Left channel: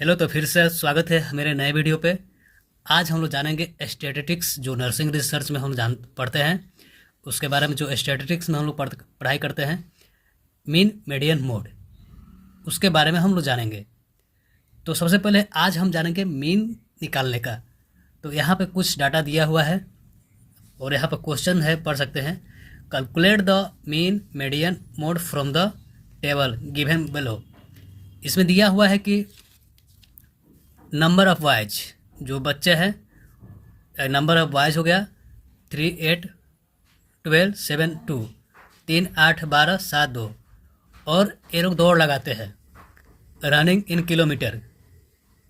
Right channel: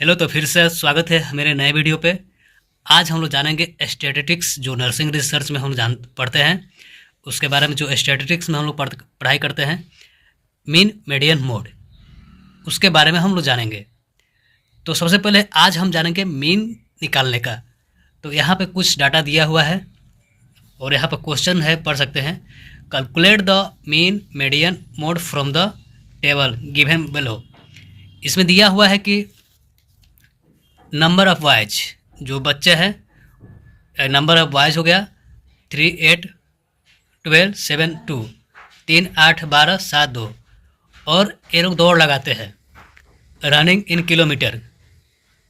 Hello, तो फिर से स्वागत है मेरे नए वीडियो पे। आज हम लोग जानेंगे स्टैटिस्टिक्स, जो नर्सिंग रिसर्च में हम जान पढ़ते हैं उसके बारे में। जो स्टैटिस्टिक्स में हम लोग पढ़ाई करते हैं, मीन मीडियन मोड, उसके बारे में हम लोग जानेंगे। तो सबसे पहले आज हम जानेंगे मीन निकालने का। तो यहाँ पे कुछ डाटा दिया हुआ है और यहाँ पर क्वेश्चन है, पढ़ सकते हैं। Calculate the mean median mode from the table given below. इसमें दिया हुआ है कि नंबर ऑफ बॉयज, जो बच्चे हैं, नंबर ऑफ बॉयज हो गया 3, 8, 12, 7, 2, 3, 8, 12, 7, 2। और ये लोग दौड़ लगाते हैं, रनिंग इन किलोमीटर,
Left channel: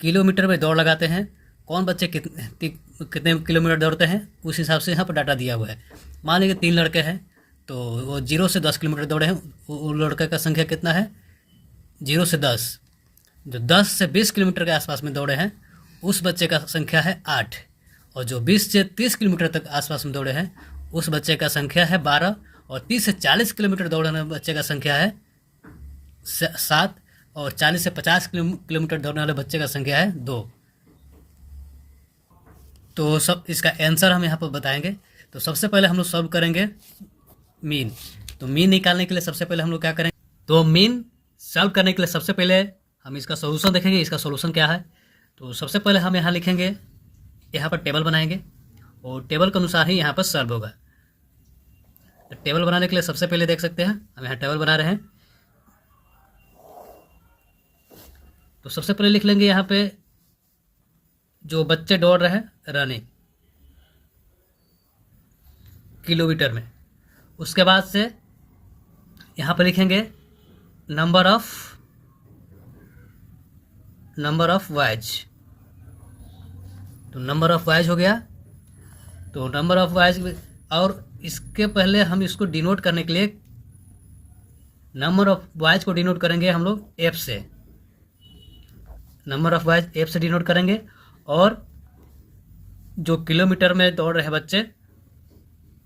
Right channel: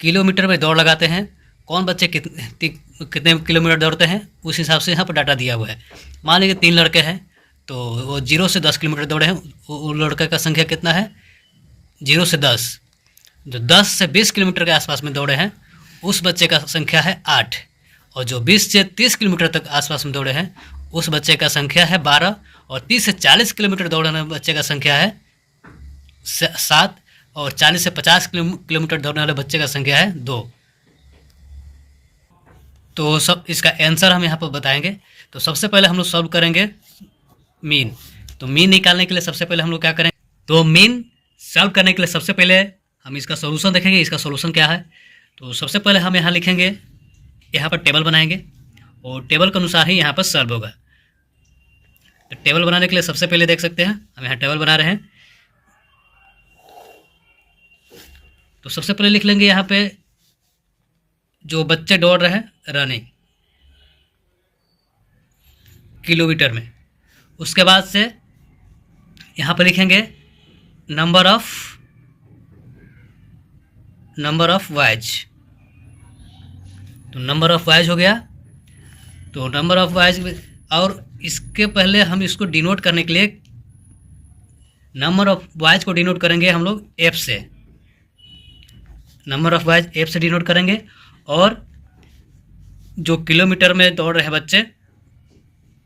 किलोमीटर में दौड़ लगाते हैं। कौन बच्चे कितने किलोमीटर दौड़ते हैं, उस हिसाब से यहाँ पर डाटा दिया हुआ है। मान लीजिए 3 लड़के हैं, तो वो 0 से 10 किलोमीटर दौड़े हैं। वो लड़के का संख्या कितना है? 0 से 10। जो 10 से 20 किलोमीटर के आसपास में दौड़े हैं, उस बच्चे का संख्या है 8। और जो 20 से 30 किलोमीटर तक आसपास में दौड़े हैं, उस बच्चे का संख्या है 12। और 30 से 40 किलोमीटर दौड़ने वाले बच्चे का संख्या है 7। और 40 से 50 किलोमीटर दौड़ने वाले बच्चे का संख्या है 2। तो सब इसका आंसर हम यहाँ पर बताएंगे। तो सबसे पहले हम लोग सॉल्व करेंगे मीन। तो मीन निकालने के लिए सबसे पहले हम लोग क्या करें? तो मीन सॉल्व करने के लिए सबसे पहले हम इसका सॉल्यूशन देखेंगे। इसका सॉल्यूशन क्या है? तो सबसे पहले हम यहाँ लिखेंगे, यहाँ पर टेबल बनाएंगे और टेबल के अनुसार ही यहाँ पर सॉल्व होगा। तो टेबल बनाने के लिए सबसे पहले देख सकते हैं, हम यहाँ टेबल बना रहे हैं। तो सबसे पहले लिख लेंगे यहाँ पे जो बच्चे दौड़ रहे हैं रनिंग किलोमीटर में। उसके बाद से यहाँ पर लिखेंगे नंबर ऑफ वाइज। तो नंबर ऑफ वाइज हो गया। तो नंबर ऑफ वाइज, और इसके पहले हम इसको डिनोट करने के लिए नंबर ऑफ वाइज को डिनोट करेंगे हम लोग एफ से। नंबर ऑफ वाइज एफ से डिनोट करेंगे। और जो किलोमीटर में दौड़ रहे बच्चे,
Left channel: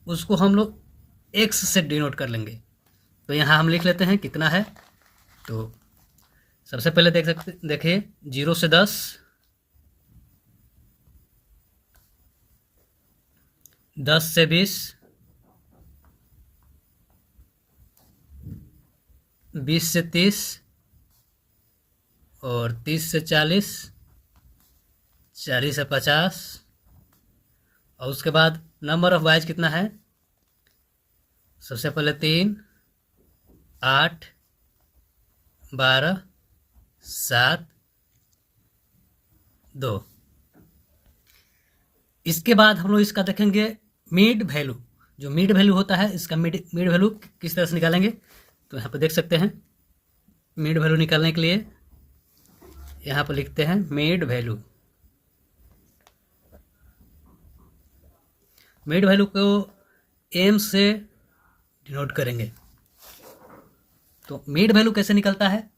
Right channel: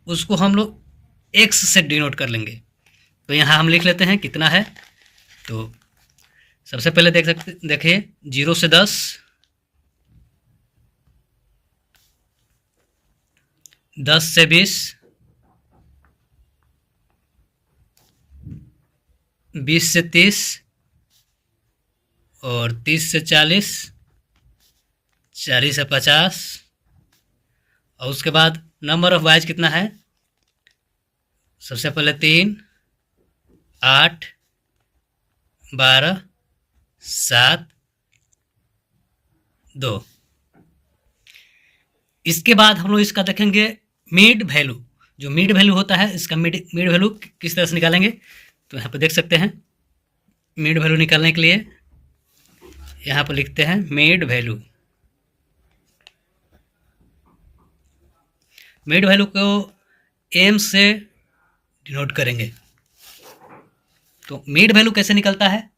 उसको हम लोग एक्स से डिनोट कर लेंगे। तो यहाँ हम लिख लेते हैं कितना है। तो सबसे पहले देखिए 0 से 10, 10 से 20, 20 से 30, और 30 से 40, 40 से 50। और उसके बाद नंबर ऑफ वाइज कितना है? सबसे पहले 3, 8, 12, 7, 2। इसके बाद हम लोग इसका देखेंगे मिड वैल्यू। जो मिड वैल्यू होता है, इसका मिड वैल्यू किस तरह से निकालेंगे? तो यहाँ पर देख सकते हैं, मिड वैल्यू निकालने के लिए यहाँ पर लिखते हैं मिड वैल्यू। मिड वैल्यू को एम से डिनोट करेंगे। तो मिड वैल्यू कैसे निकलता है?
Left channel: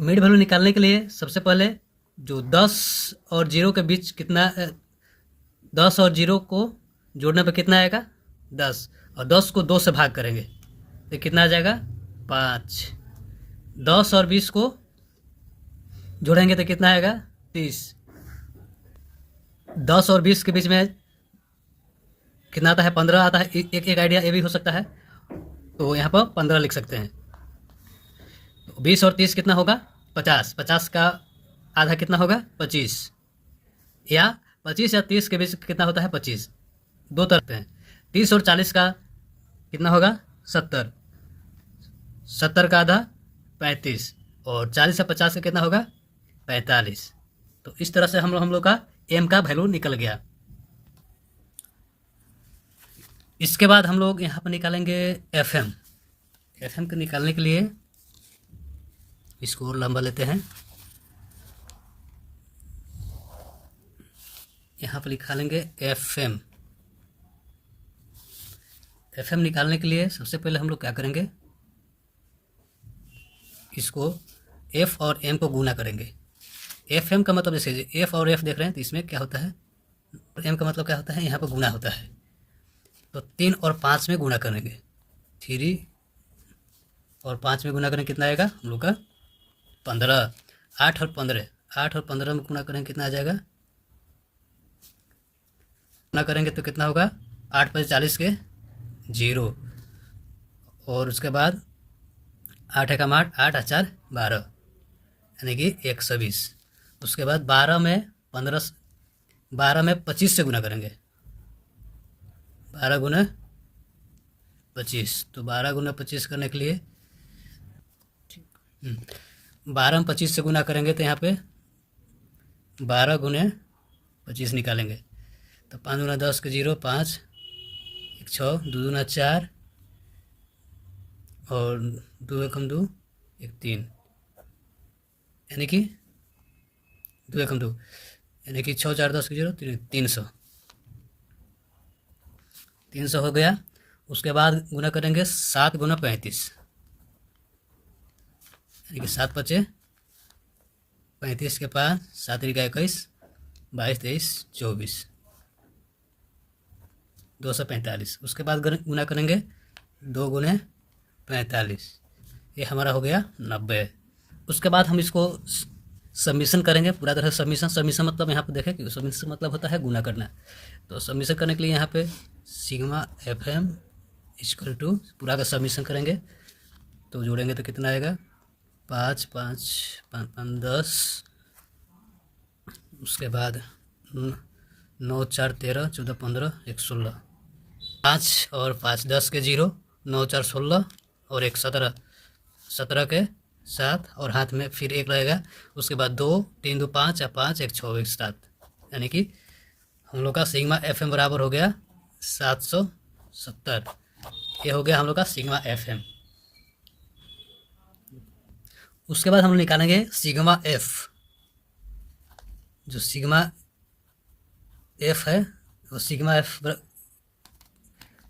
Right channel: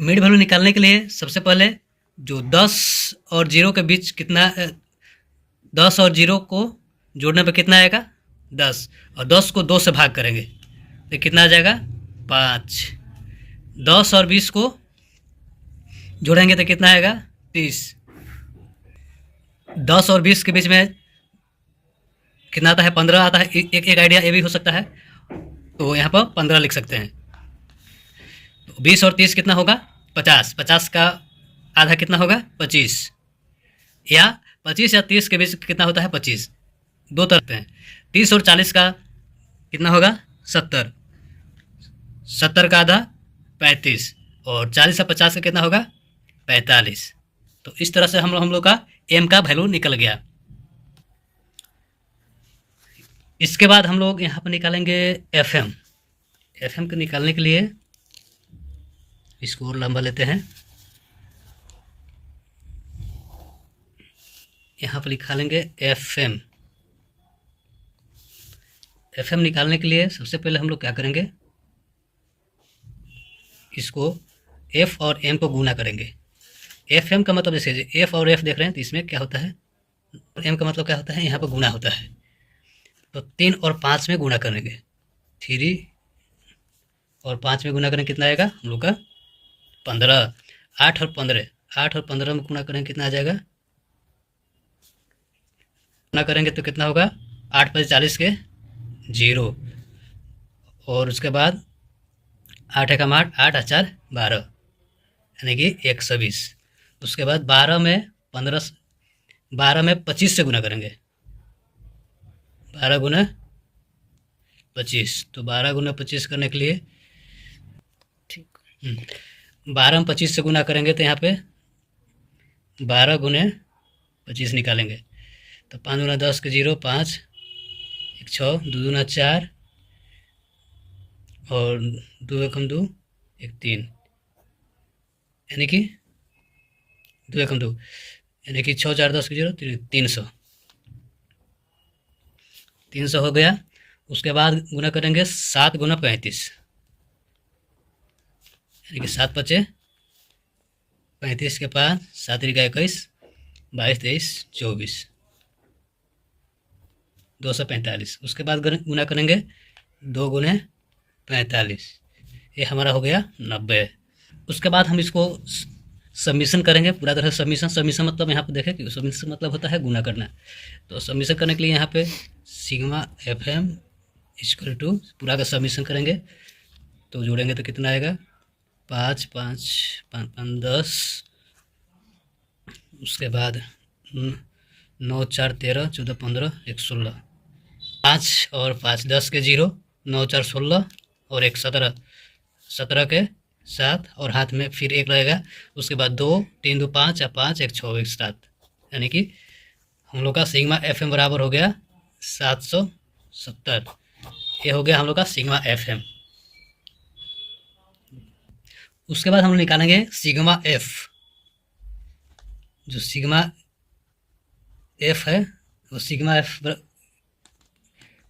मिड वैल्यू निकालने के लिए सबसे पहले जो 10 और 0 के बीच कितना, 10 और 0 को जोड़ने पे कितना आएगा? 10। और 10 को 2 से भाग करेंगे तो कितना आ जाएगा? 5। 10 और 20 को जोड़ेंगे तो कितना आएगा? 30। 10 और 20 के बीच में कितना आता है? 15 आता है। एक आइडिया ये भी हो सकता है, तो यहाँ पर 15 लिख सकते हैं। तो 20 और 30 कितना होगा? 50। 50 का आधा कितना होगा? 25। या 25 या 30 के बीच कितना होता है? 25। दो तरफ हैं। 30 और 40 का कितना होगा? 70। 70 का आधा 35। और 40 से 50 का कितना होगा? 45। तो इस तरह से हम लोग का एम का वैल्यू निकल गया। इसके बाद हम लोग यहाँ पर निकालेंगे एफ एम। एफ एम को निकालने के लिए इसको और लंबा लेते हैं। यहाँ पर लिखा लेंगे एफ एम। एफ एम निकालने के लिए सबसे पहले हम लोग क्या करेंगे? इसको एफ और एम को गुना करेंगे। एफ एम का मतलब जैसे एफ और एफ देख रहे हैं, तो इसमें क्या होता है? एम का मतलब क्या होता है? यहाँ पर गुना होता है। तो 3 और 5 में गुना करेंगे। 3 और 5 में गुना करें कितना आएगा हम लोग का? 15, 8 और 15 में गुना करेंगे कितना आ जाएगा, गुना करेंगे तो कितना होगा, 8×5 = 40 के 0, और उसके बाद 8×1 = 8, 8×4 = 12, यानी कि 120। उसके बाद 12 में 25 से गुना करेंगे, 12×25, तो 12×25 करने के लिए ठीक 12 में 25 से गुना करेंगे तो यहाँ पे 12×25 निकालेंगे, तो 5×10 के 0, 5, 1 6, 2×4 और 2×1 = 2, 1 3, यानी कि 2×1 = 2, यानी कि 6 4 10 के 0, 300, 300 हो गया। उसके बाद गुना करेंगे 7×35, यानी कि 7 × 5 = 35 के 5, 7 × 21, 22 23 24, 245। उसके बाद गुना करेंगे 2×45, ये हमारा हो गया 90। उसके बाद हम इसको सबमिशन करेंगे, पूरा तरह से सबमिशन मतलब यहाँ पे देखें कि सबमिशन मतलब होता है गुना करना। तो सबमिशन करने के लिए यहाँ पे सिग्मा FM = पूरा का सबमिशन करेंगे, तो जोड़ेंगे तो कितना आएगा, 5 5 5 5 10, उसके बाद 9 4 13 14 15 1 16, 5 और 5 10 के 0, 9 4 16 और 1 17, 17 के 7 और हाथ में फिर 1 रहेगा। उसके बाद 2 3 2 5 5 1 6 1 7, यानी कि हम लोग का सिग्मा FM बराबर हो गया 770। ये हो गया हम लोग का सिग्मा FM। उसके बाद हम निकालेंगे सिग्मा F। जो सिग्मा F है वो सिग्मा F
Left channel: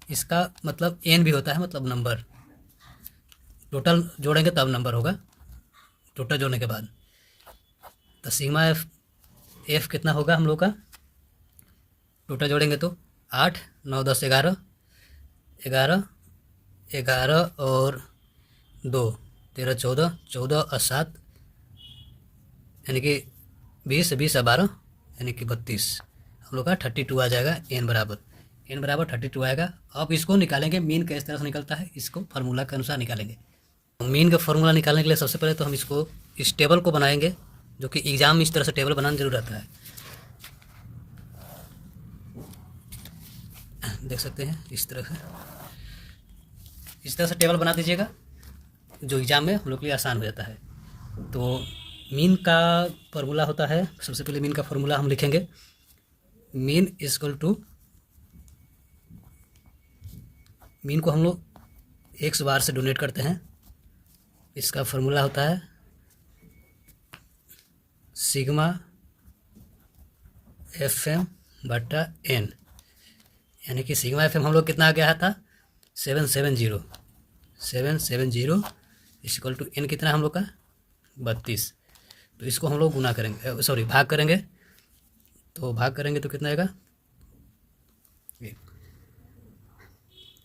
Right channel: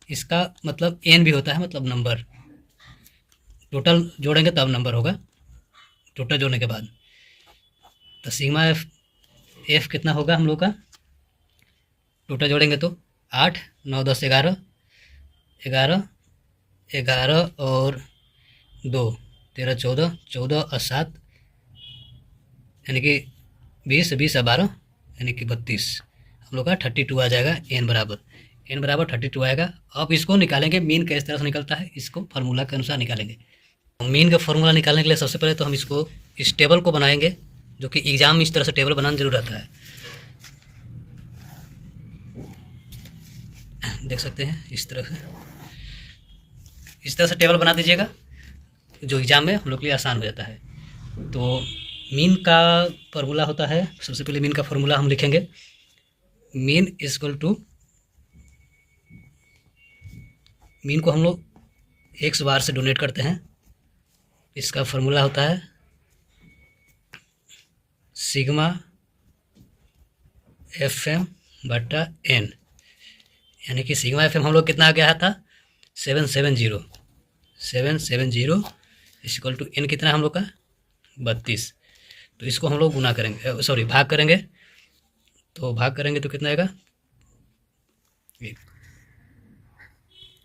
इसका मतलब n भी होता है, मतलब नंबर, टोटल जोड़ेंगे तब नंबर होगा, टोटल जोड़ने के बाद। तो सिग्मा F कितना होगा हम लोग का, टोटल जोड़ेंगे तो 8 9 10 11 11 11 और 2 13 14 14 और 7, यानी कि 20 20 और 12, यानी कि 32, हम लोग का 32 आ जाएगा। n बराबर 32 आएगा। अब इसको निकालेंगे, मीन किस तरह से निकलता है, इसको फार्मूला के अनुसार निकालेंगे। मीन का फार्मूला निकालने के लिए सबसे पहले तो हम इसको इस टेबल को बनाएंगे, जो कि एग्जाम में इस तरह से टेबल बनाना जरूर रहता है, देख सकते हैं इस तरह से टेबल बना दीजिएगा, जो एग्जाम में हम लोग के लिए आसान हो जाता है। तो मीन का फार्मूला होता है, सबसे पहले मीन का फार्मूला हम लिखेंगे, मीन = मीन को हम लोग x बार से डोनेट करते हैं। इसका फार्मूला होता है सिग्मा FM/n, यानी कि सिग्मा FM हम लोग कितना आ गया था, 770 = n कितना हम लोग का 32। तो इसको हम लोग गुना करेंगे, सॉरी भाग करेंगे, तो भाग करेंगे तो कितना आएगा,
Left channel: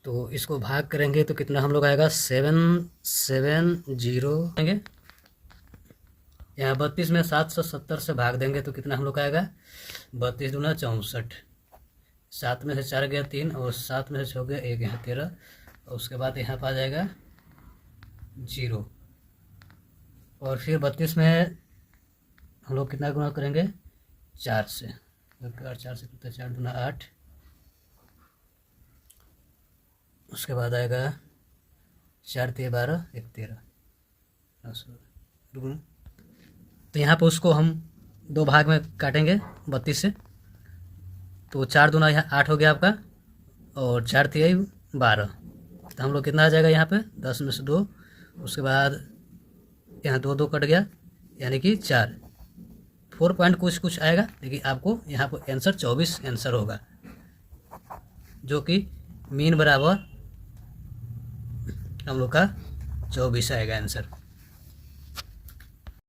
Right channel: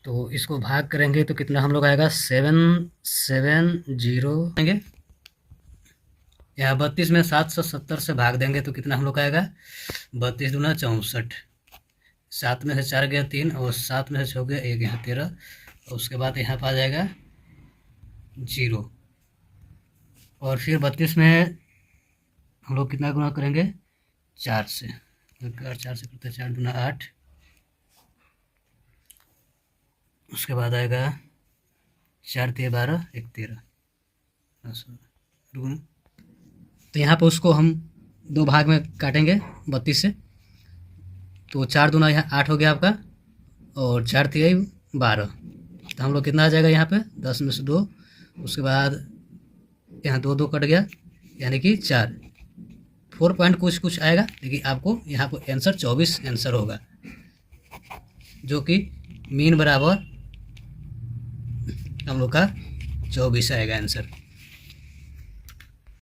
तो इसको भाग करेंगे तो कितना हम लोग आएगा 770 यहाँ 32 में 770 से भाग देंगे तो कितना हम लोग आएगा, 32 दूना 64, 7 में से 4 गया 3 और 7 में से 6 गया 1, यहाँ 13, और उसके बाद यहाँ पर आ जाएगा 0, और फिर 32 में हम लोग कितना गुना करेंगे 4 से, 4 से करते 4 दूना 8, उसके बाद आएगा 4 3 12 1 13। तो यहाँ पे उसको हम 2 भाग में काटेंगे 32 से, तो 4 दूना यहाँ 8 हो गया आपका, और 4 3 12, तो हम लोग कितना आ जाएगा यहाँ पे 10 में से 2, उसके बाद यहाँ 2 2 कट गया, यानी कि 4 4 पॉइंट कुछ आएगा, लेकिन आपको यहाँ पर आंसर 24 आंसर होगा, जो कि मीन बराबर हम लोग का 24 आएगा आंसर।